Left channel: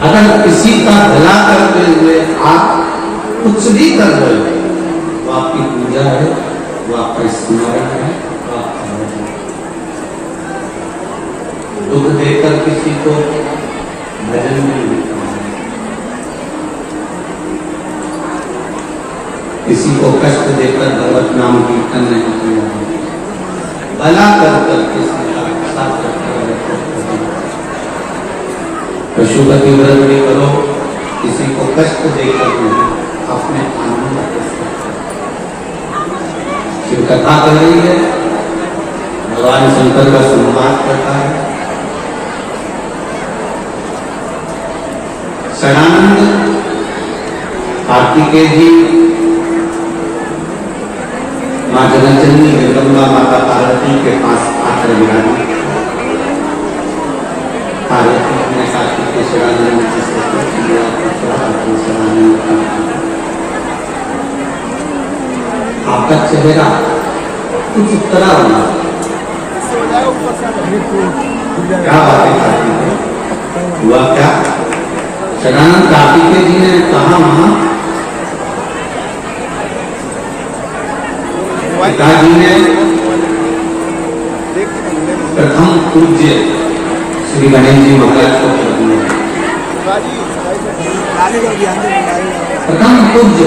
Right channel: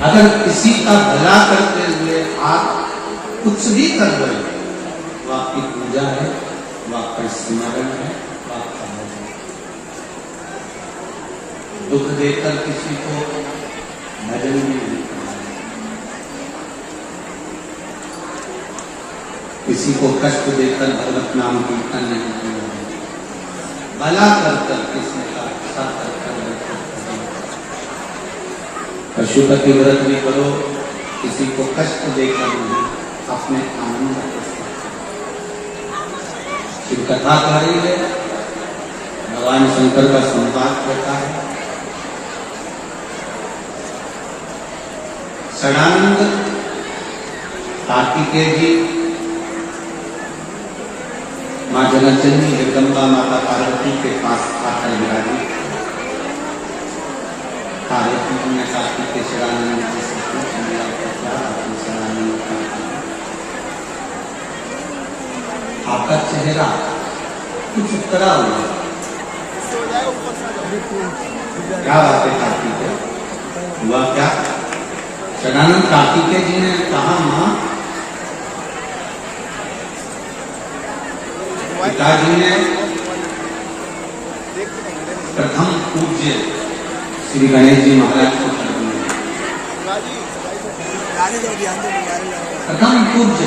अगर किसी का भला करते हुए आप कुछ भी कर रहे हो, वो आपकी पूजा है, वो आपका स्मरण है, वो आपका भजन है। दुख देकर किसी को भजन नहीं लिखा, किसी को कष्ट देकर भगवत नाम कीर्तन नहीं किया, भला कर किसी का रक्षा करके पशुपति व्रत भी करो, किसी को कष्ट देकर नहीं, अपने आनंद के साथ। शिव कथा कर रही है, भगवान शंकर का संवाद करता है। शरणानंद कार्तिकेय जी मां जननी जगदम्बा माता पार्वती के पास आकर विराजी। पार्वती ने कार्तिकेय शरणानंद की स्तुति किया, आपका चेहरा कुछ उतरा हुआ, क्या बातें करती है, हुआ क्या? शरणानंद कार्तिकेय जी ने कहा, मां पिताजी ने प्रथम पूज्य श्री गणेश जी महाराज को कर दिया। प्रथम पूज्य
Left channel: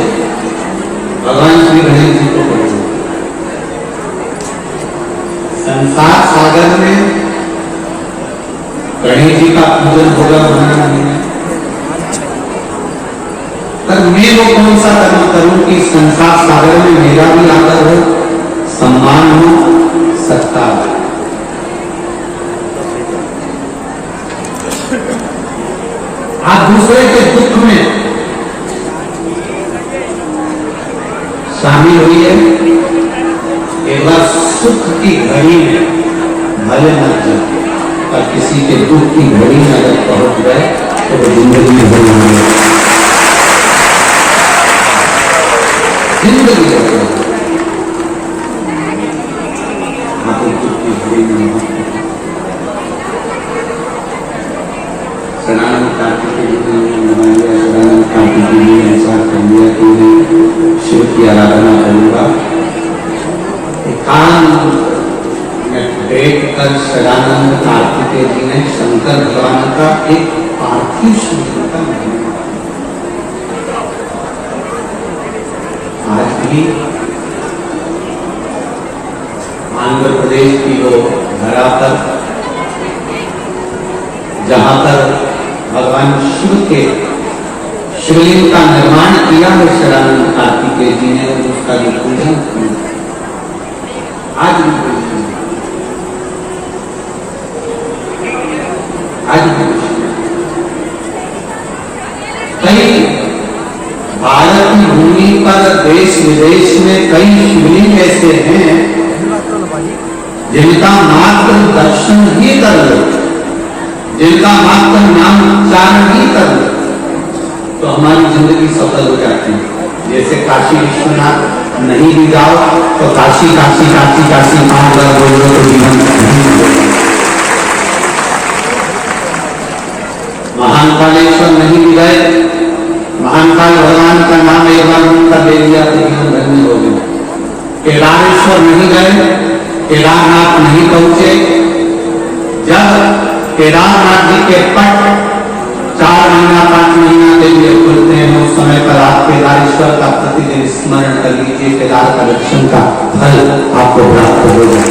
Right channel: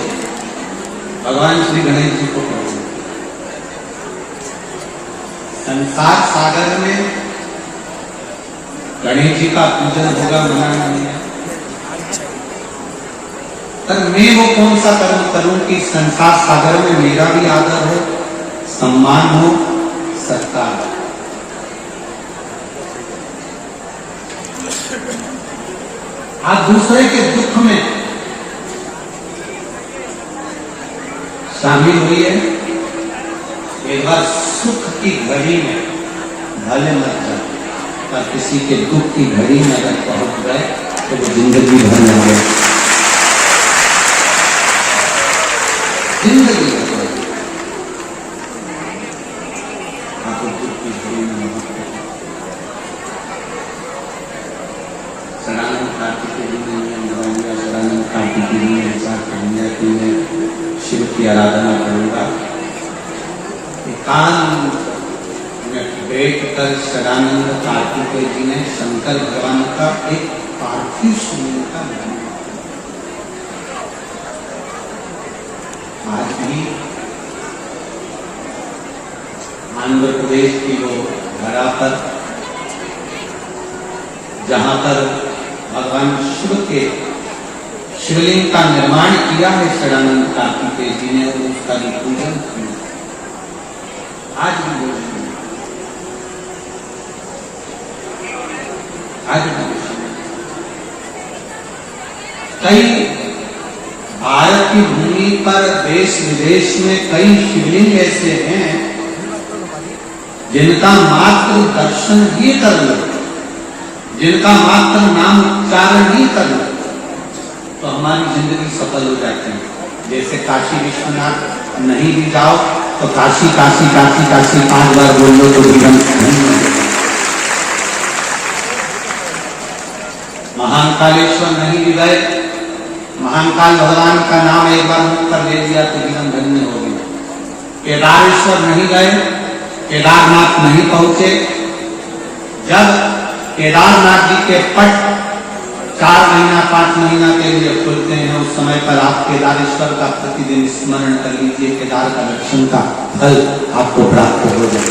भगवान श्री गणेश जी को कर दिया। संसार सागर में गणेश जी का पूजन होगा हमारे मन में, पर मैं वो कौन सा कर्म करूं कि संसार सागर में मेरा भी आदर हो, सम्मान हो, सत्ता हो। आप दूसरे के दुख में शामिल हुई है, एक बार सुख की घड़ी में भले मत जाए, और किसी के दुख की घड़ी में अगर पहुंच गए तो वो जिंदगी भर जाए, जिंदगी भर शरणानंद कार्तिकेय जी ने शरणानंद कार्तिकेय जी ने ऐसा कह दिया कि शिव की आराधना करूंगा। एकांत में बैठकर शरणानंद कार्तिकेय जी ने शंकर भगवान का एक पार्थिव शरीर का निर्माण। आज भी आंध्र प्रदेश की वो धरा पर जहां पर भगवान शिव के शिवलिंग का निर्माण किया है शरणानंद कार्तिकेय जी ने, और उसका जो पूजन किया आज भी कई भारत की भूमि पर देश विदेश में कई शिवलिंग ऐसे हैं जिनका मात्र दर्शन ही कर लो, जिनका मात्र नाम उच्चारण ही कर लो तो हमारी जिंदगी सफल हो जाती है। जैसे काशी विश्वनाथ नहीं भी जाओ तो काशी काशी काशी काशी 5 बार बोल लो तो जीवन महाकालेश्वर नहीं भी गए, महाकाल भगवान का नाम एक बार उनका ले लिया तो जीवन धन्य हो गया। केदारेश्वर नहीं गए, केदारनाथ नहीं पहुंचे, जब केदारनाथ जी के पट 4 महीना 5 महीना के लिए खुलते हैं, उस समय पर आप केदारेश्वर का प्रतिदिन स्मरण कर लीजिए, केदार का दर्शन का फल आपको प्राप्त होगा।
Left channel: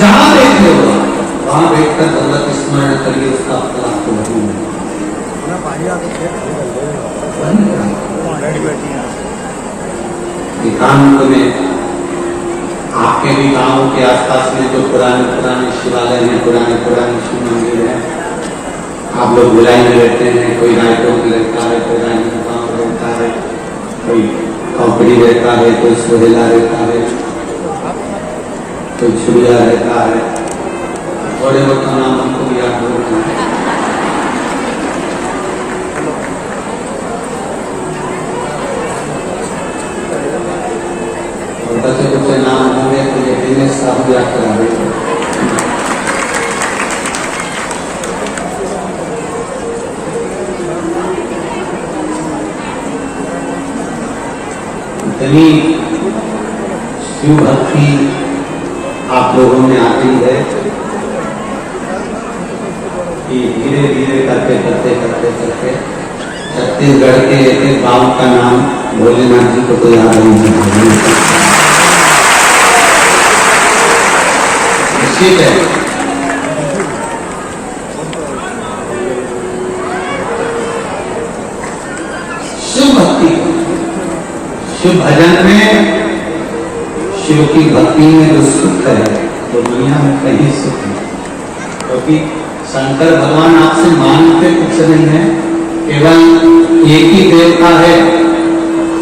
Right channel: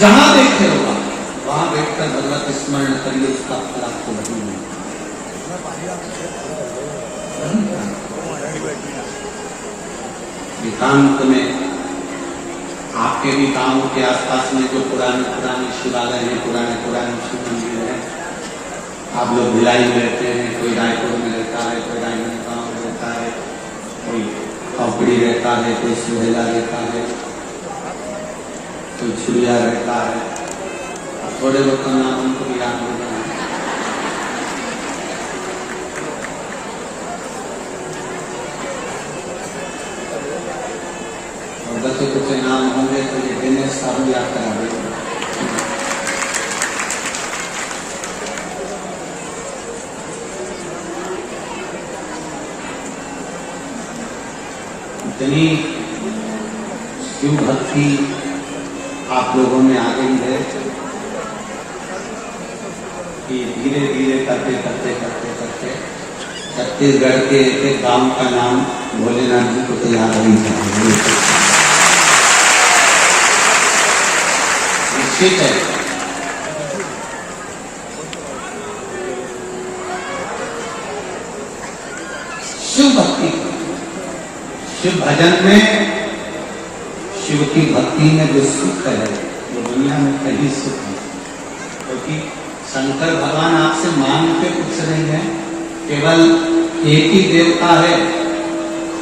जहां बैठे हो वहां बैठकर भगवत स्मरण करिए, उसका फल आपको वही मिलेगा। एकांत में आपके भी गांवों के आसपास में जो पुराने शिवालय हैं, पुराने शिव मंदिर हैं, आप लोग बुलाई में रहते हैं, कोई रायपुर में रहता है, कोई राजनांदगांव रहता है, कोई खोपड़ी रहता है, कोई सोहेला रहता है, कोई छुरिया रहता है, थोड़े बहुत नाम हमको याद होता है। नाम होंगे तो ये दिनेश साहब याद करा देंगे। इतनी शिव भक्ति आप लोगों में आ गई है कि धीरे धीरे करते करते करते करते छत्तीसगढ़ के एक गांव का नाम भोलेनाथ जी को तो याद नहीं चाहिए। ठीक है, शिव भक्ति, शिव भजन में, शिव की भक्ति में जो सुख है तो दुनिया में कहीं सुख नहीं, क्योंकि शंकर भगवान आपसे मांगते कुछ नहीं है, केवल एक ही देवता है।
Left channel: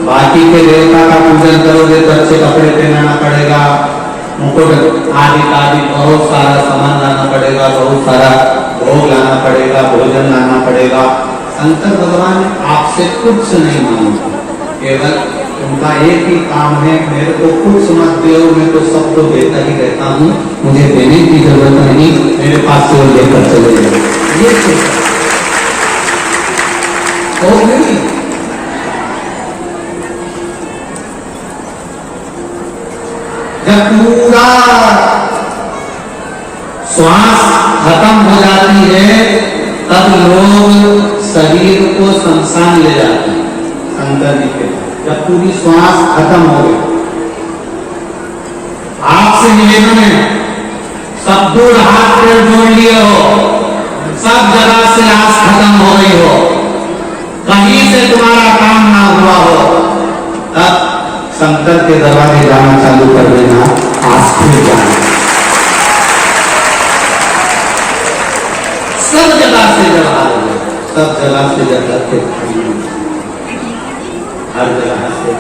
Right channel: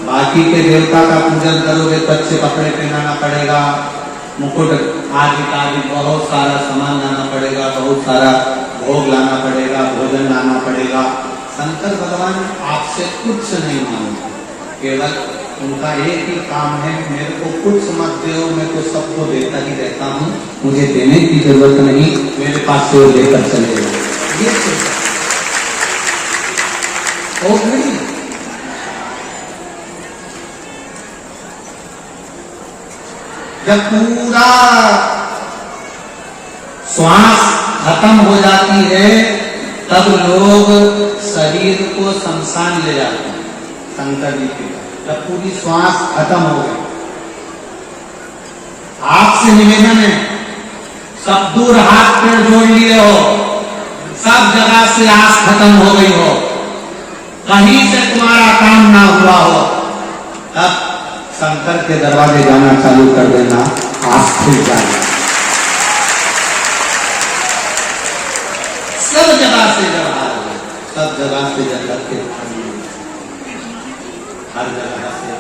बाकी के देवता का पूजन करोगे तो अच्छे कपड़े पहनाना पड़ेगा, मुकुट आदि आदि बहुत सारा सामान लाना पड़ेगा, बहुत सारा भोग लाना पड़ेगा, भोजन लाना पड़ेगा। शंकर भगवान आपसे कुछ नहीं मांगते, केवल उनका एक ही काम है, मेरे को कुछ मत दो, मैं तो सबको देता ही रहता हूँ, मुझे देने की जरूरत नहीं, मेरे पास से वो लेकर चले जाए। ये नहीं, जब पूरा श्वास खत्म हो जाती है तब लोग शरीर को शमशान ले जाते हैं शंकर जी के पास। जब पूरी श्वास खत्म हो गई, आपसे निवेदन है, सब दूर हाथ पैर जोड़ लिए हो, सब जगह से आस खत्म हो गई हो, कहीं से तुम्हारा काम ना हुआ हो, तब शंकर के दरवाजे जाना चालू कर देना, आस खुल जाए। सब जगह से जब हार, सब जगह से जब रखे, हर जगह से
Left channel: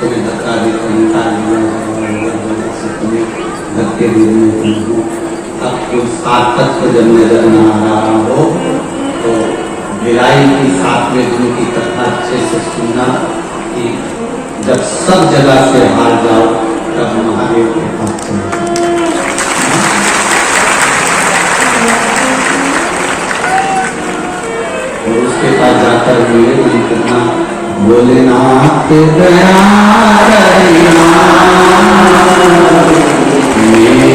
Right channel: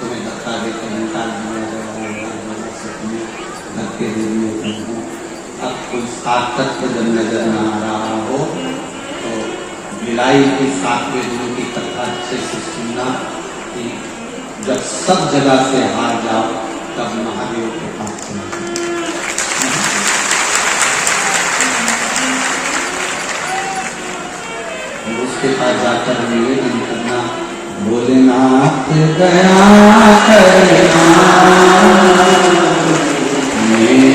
तुम्हें धक्का देकर निकाल दिया से तुम्हें धक्के देने को, अब कोई सार्थक जब नजर न आ रहा हो तो बिलाई की 7वें दिन की कथा अच्छे से सुनना कि जब सब जगह से हार जाओ तब महादेव के पास चले। और उसके पास जाकर निवेदन करना, भोलेनाथ दया करना, मेरे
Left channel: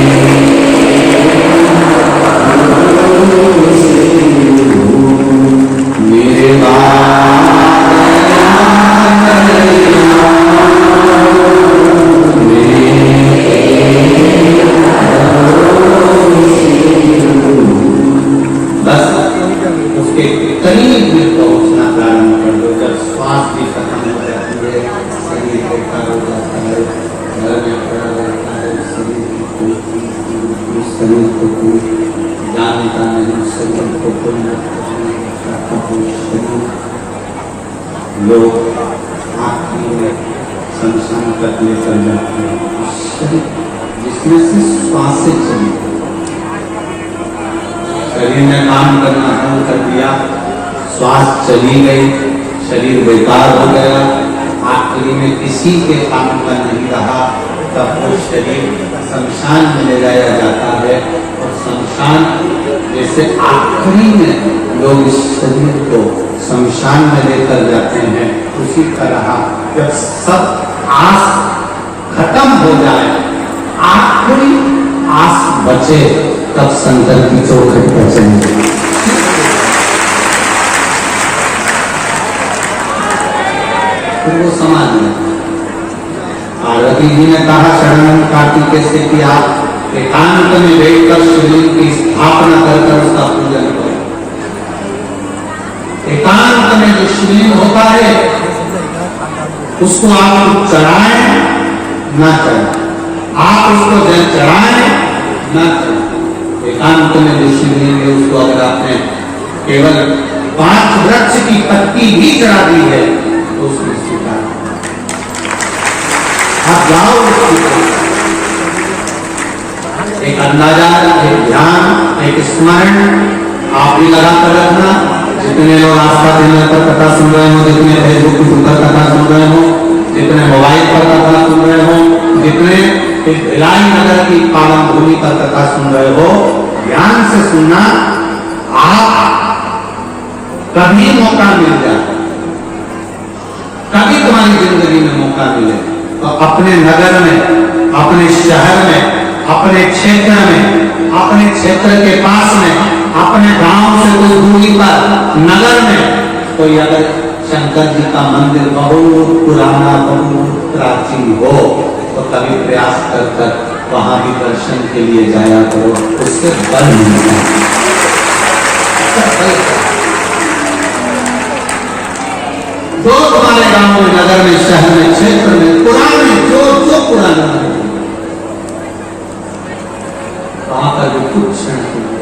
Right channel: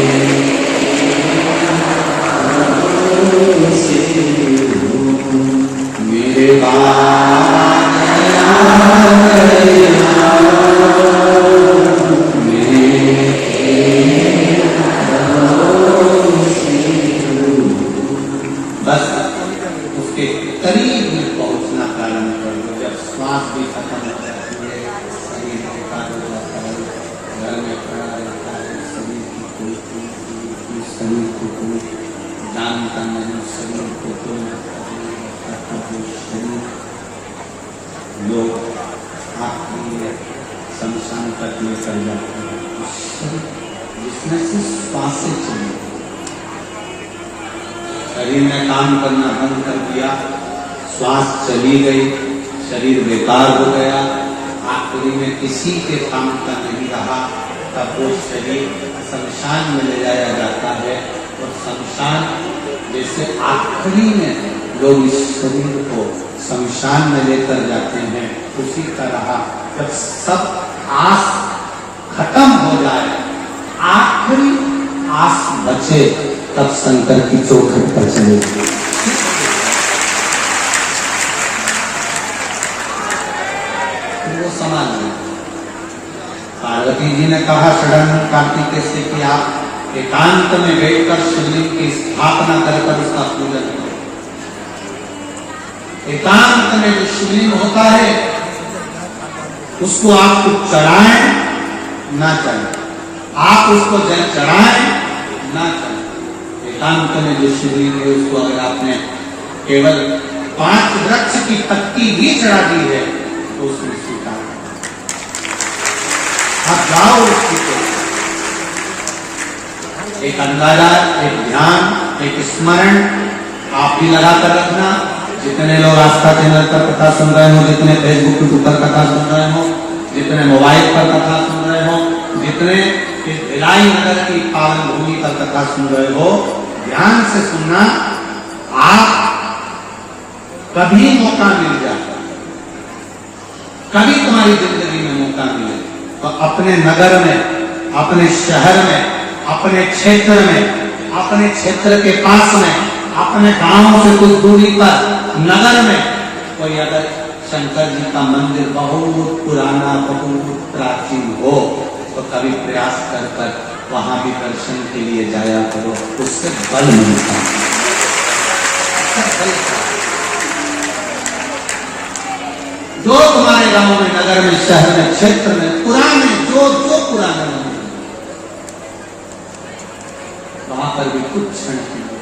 लोग आखिरी में शमशान करने चल जाते हैं, जिसमें से श्वासें चली, शरीर ने काम करना बंद कर दिया, श्वास चली गई, शरीर बेकार हो गया, आखिरी में किसी के काम का नहीं रहा, तब वो शरीर शमशान में ले जाया जाता है। और शमशान जैसे आखिरी में लोग इस शरीर को शमशान में लेकर जाते हैं, उसी तरह जब सब आस खत्म हो जाए, आखिरी आस बचे, तब शंकर की चौखट पर चले। फिर वो समाज में पार्वती जी ने कहा शरण कार्तिकेय से कि आप एकांत में बैठकर शिवलिंग की स्थापना कर उसका पूजन करो। एकांत में जो शिवलिंग होता है उसको आप चढ़ाएं ना चढ़ाएं, आप उसको चढ़ाएं ना चढ़ाएं। एकांत में जो शिवलिंग है उसको अगर आपने केवल 5 वृक्ष की पत्ती भी चढ़ा दी है तो उसको स्वीकार आप जाओ। एक अंदाजा, एक ध्यान, एक स्मरण आप भी लगाकर रखना। जितने लोग आस्था चैनल पर कथा सुन रहे हो, जितने फेसबुक पर कथा सुन रहे हो, जितने मोबाइल पर कथा सुन रहे हो, जितने भिलाई नगर की पावन भूमि पर कथा सुन रहे हो, ध्यान से सुनना। आप कभी मौका मिल जाए, कभी तुम्हारी जिंदगी में मौका मिले और अपने नगर में, अपने शहर में, अपने क्षेत्र में, अपने क्षेत्र के पास में, अपने गांव से कुछ दूरी पर नगर में कोई अगर शंकर जी का मंदिर बहुत पुराना, बहुत प्राचीन हो तो कभी प्रयास कर वहां भी दर्शन के लिए जाया करो, उससे बल मिलता है। जो तुम्हारे गांव में, नगर में, शहर में, क्षेत्र में पुराने जो पुराने वहां पर भी कुछ क्षण के लिए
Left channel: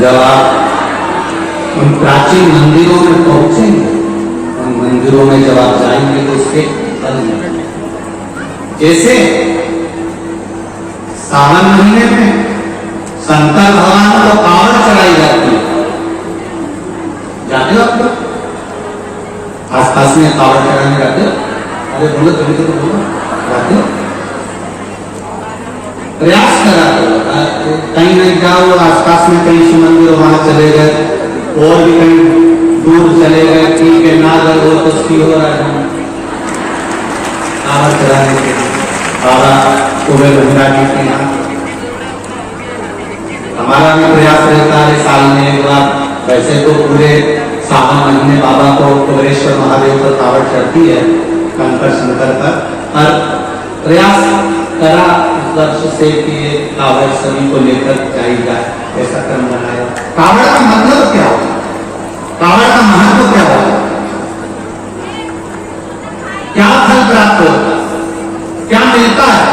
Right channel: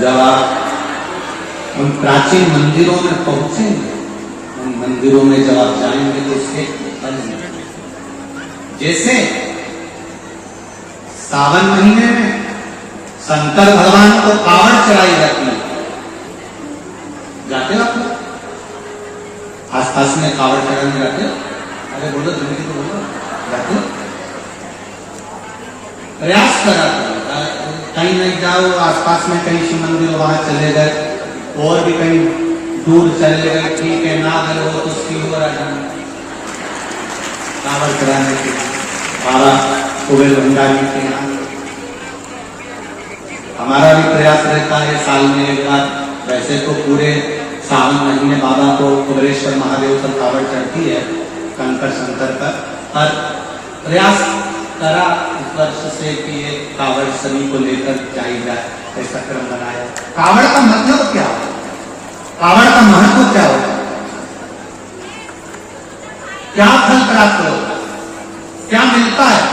जब आप उन प्राचीन मंदिरों में पहुंचेंगे, उन मंदिरों में जब आप जाएंगे तो उसके फल मिलेंगे। जैसे सावन महीने में शंकर भगवान को कावड़ चढ़ाई जाती है, जाते हो आप लोग आसपास में कावड़ चढ़ाने जाते हो? अरे बोलो तुम तो बोलो, जाते हो? प्रयास करा कहीं नहीं जाओ, आसपास में कहीं शिव मंदिर वहां चले गए और भी कहीं दूर चले गए, ठीक है ना गए वो तो सी हो रहा है कावड़ चढ़ाने के बाबा कुबेर गंगा जी के यहाँ। हमारा भी प्रयास रहता है साल में एक बार, वैसे तो पूरे सावन महीने बाबा को कुबेरेश्वर महादेव को कावड़ चढ़ती है कंकर शंकर पर प्रयास करा वर्ष से कि ये कावड़ सभी को लेकर जाई जाए, ऐसा क्रम बनाया। कावड़ का मतलब क्या होता है? कावड़ का महत्व क्या होता है? क्या फल प्राप्त होता है? क्या मिलता है?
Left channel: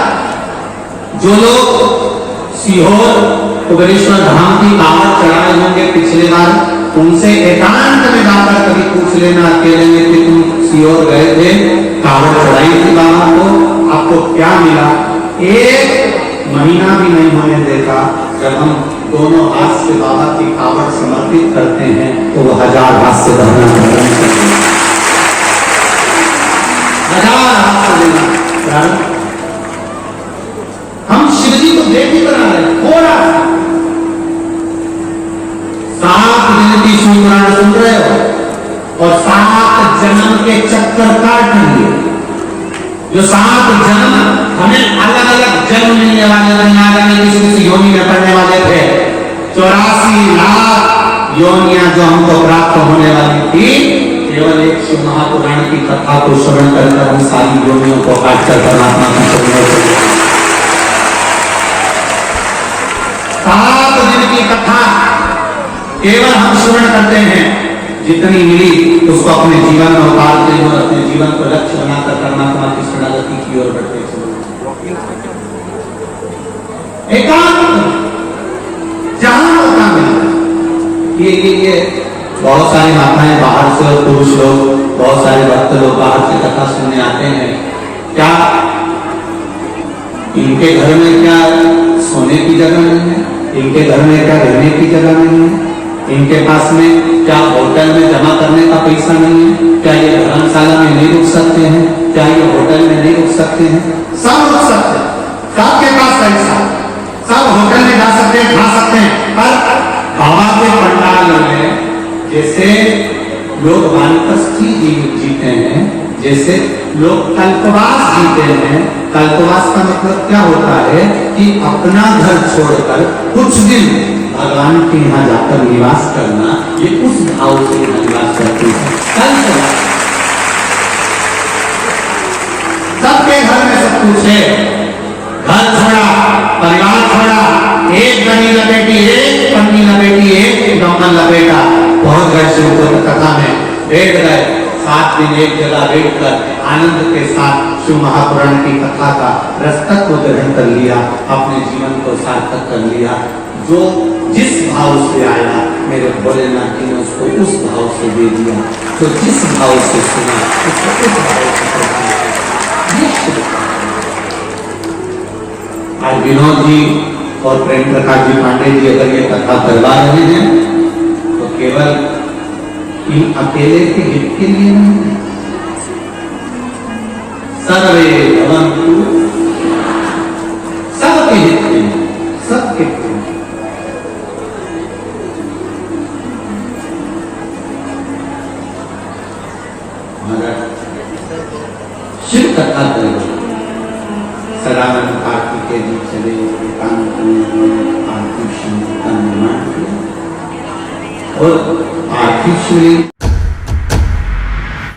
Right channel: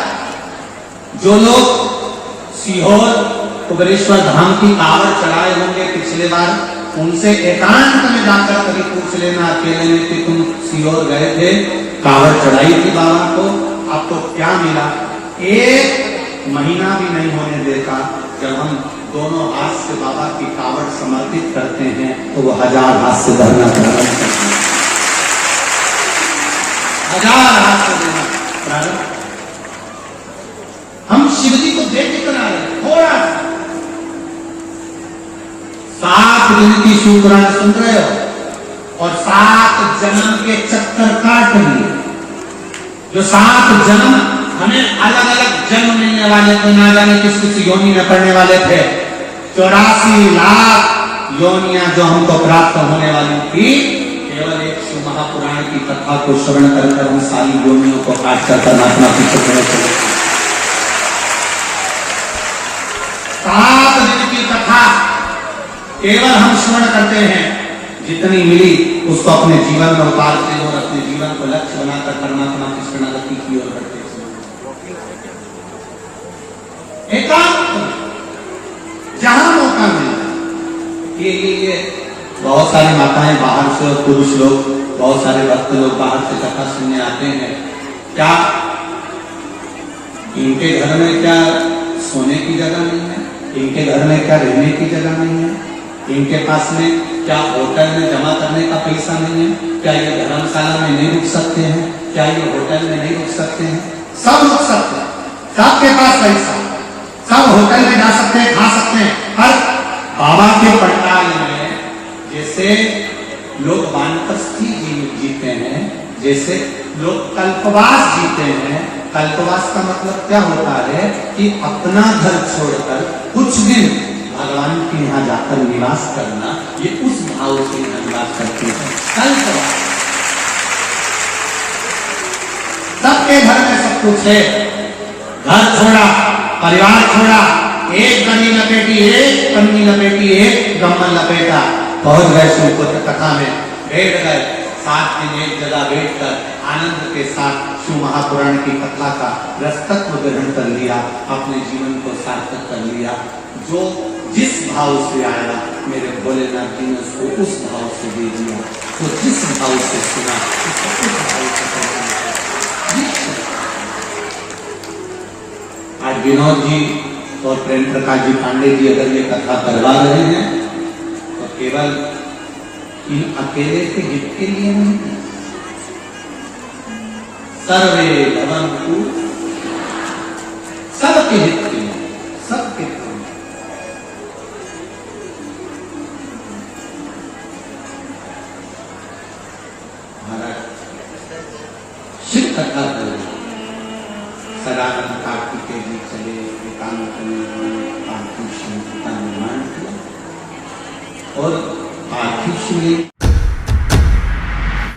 जो लोग सीहोर कुबेरेश्वर धाम की कावड़ चढ़ाए होंगे पिछले बार, उनसे एकांत में जाकर कभी पूछ लेना अकेले में कि तुम सीहोर गए थे, कावड़ चढ़ाई थी बाबा को, आपको क्या मिला? एक महीना भी नहीं होने देता जब हम दोनों हाथ से बाबा की कावड़ समर्पित करते हैं तो वो 1000 हाथ से धरना, 1000 हाथ से देना। हम शिव जी को देख ही बना रहे थोड़ा सा 7 दिन की शुक्रान सुन रहे हो और 7 जन्म के चक्कर काट लिए। जो 7 जन्म हमें अलग अलग जन्म मिलने वाले, दुनिया जाने किसी किसी योनि में पड़ने वाले थे, 84 लाख योनियां जो हमको प्राप्त होने वाली थी, केवल एक शिव महापुराण की कथा को श्रवण कर हम सारी योनियों को काट कर परमात्मा की सत्ता 7 दिन की कथा केवल हम श्रवण करते हैं, जितनी मिली उसको अपने जीवन में उतारते हैं और अपने जीवन को लक्ष्य बनाकर परमात्मा की शरणागति की ओर बढ़ते हैं। एकांत जहां मौका मिला, ये बहुत सारी माताएं बाहर से और पुरुष लोग, बहुत सारे भक्त लोग बाहर से कथा सुनने आते हैं। क्या इनके घर में क्या सोने की जगह नहीं है? इनके घर में क्या रहने की जगह नहीं है? इनके पास में क्या होटल में जमा करने का पैसा नहीं है? क्या ये धर्मशाला में नहीं रुक सकते हैं? क्या ये होटल में नहीं रुक सकते हैं? सब रुक सकते हैं, सबके पास पैसा, सब होटल में जा सकते हैं, खा सकते हैं। पर बाबा के पंडाल में जैसे लोग वानप्रस्थी जीते हैं, जैसे लोग कल्पवास जीते हैं। कल्पवास का मतलब क्या होता है कि अपना घर छोड़कर कुछ दिन भगवान के यहाँ जाकर निवास करना, ये उस भाव से निवास करते हैं। सबके घर में सब कुछ है, घर छोड़ा, परिवार छोड़ा, एक गनी लपेटी, एक पन्नी लपेटी, एक डोमन लपेटा, बहुत गए शिव कथा में, बैठ गए 7 दिन एक जगह बैठकर आनंद के साथ शिव महापुराण की कथा का रसतक को ग्रहण कर लिया, अपने जीवन को सार्थक कर लिया। जो जिस भाव से आया मेरे भोलेनाथ जी ने उसको उस भाव से दे दिया, तो जिस भाव से सुना उसको उस भाव से आज विनोद जी और प्रेम प्रकाश जी पांडे जी अगर ये कथा करवा रहे हैं तो केवल इन अकेले के हित के लिए नहीं, सर्वे भवन्तु, सबके हित के लिए, सबके हित। शिव कथा प्रयोग सदानंद कार्तिक के बीच चले एकांत में पार्थिव शंकर का निर्माण किया और पार्थिव शिवलिंग